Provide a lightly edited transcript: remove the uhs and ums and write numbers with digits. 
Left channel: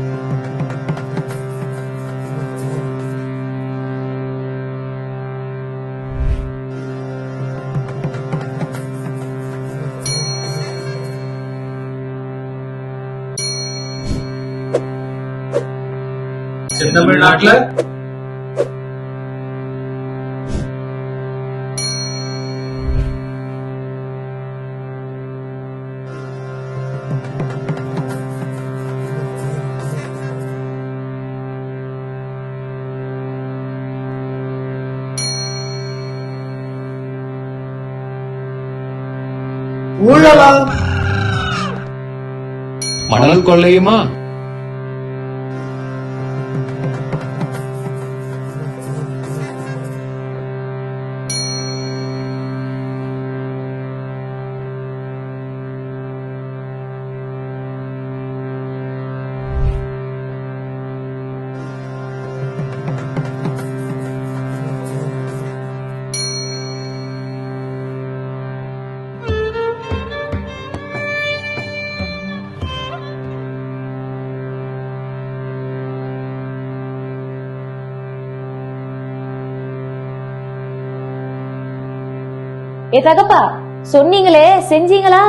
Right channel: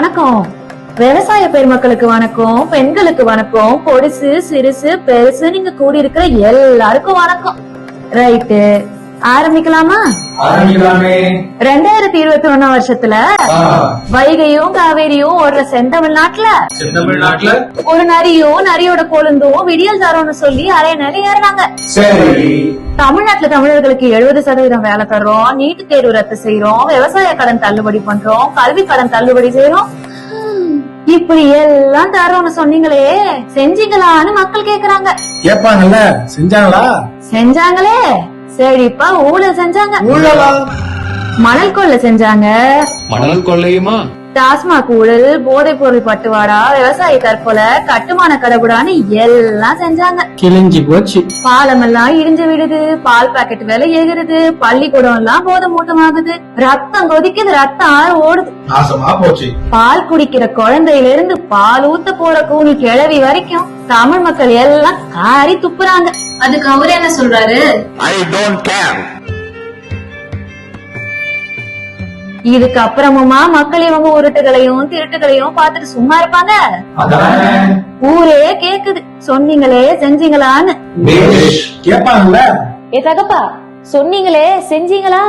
வணக்கம். விவசாய பெருமக்களுக்கு வணக்கம், பெண்களுக்கு வணக்கம், பொடிசு சிறுசு பெருசு நீங்க கூடி இருக்கிற எல்லாருக்கும் வணக்கம். ரைட்டு, ஆரம்பிக்கலாமா? 2021 வருஷத்துல வைகையும் காவேரியும் ஓடுற செந்தமிழ்நாட்டுல ஒரு நரியும் நரியோட கொழுந்தும் விடியல் தரோன்னு சொல்லி அரை நிலை ஏறினாங்க. தமிழ்நாட்டுல தமிழர்களுக்கு 70% வேலை தர்றோம், நீட்டு தேர்வு ரத்து செய்யறோம், விவசாய கடன் தள்ளுபடி பண்றோம், கல்வி கடன் தள்ளுபடி செய்யறோம். இப்படி எல்லாம் தரோன்னு சொன்னீங்களே, செஞ்சீங்களான்னு மக்கள் கேக்குறாங்க. கேட்பாங்கல்ல, செஞ்சாங்களா? செஞ்சாங்களே. சரிப்பா, ஊழல் செஞ்சாங்க. மணல் கொள்ளை செஞ்சாங்க. மணல் கொள்ளையுமா? டாஸ்மாக் ஊழல், போதைப் பொருள் பட்டுவாடா, விவசாய தற்கொலை, கட்டுமான கடவுடான்னு எல்லாம் செஞ்சாங்க. கிழிஞ்சு போச்சு. பாலம் எல்லாம் இடிஞ்சு விடுது, பால் பாக்கெட் விலை ஏறுது, பள்ளிக்கூடம் எல்லாம் போதை மூட்டமாகுது, ரத்தம் கொதிக்குது, ரத்தம் ஆறு ஓடுது. நாசமா போச்சு. பால் குடிக்கிற குழந்தையில இருந்து பால் ஊத்த போற கூனி கிழவி வரைக்கும் தமிழ் மக்கள் எல்லாம் காரி துப்புறாங்க. அதுக்கு அவரு என்ன சொல்றாரு? இதுக்கு அப்புறமுமா மக்கள் இவங்க உருட்டுகளையும் திருட்டுகளையும் பார்த்துட்டு சும்மா இருப்பாங்க? ஊரே கேக்குது, சொன்னீங்களே செஞ்சீங்களான்னு. கேட்பாங்கல்ல. ஏ தகப்பா, சொன்னீங்களே செஞ்சீங்களா?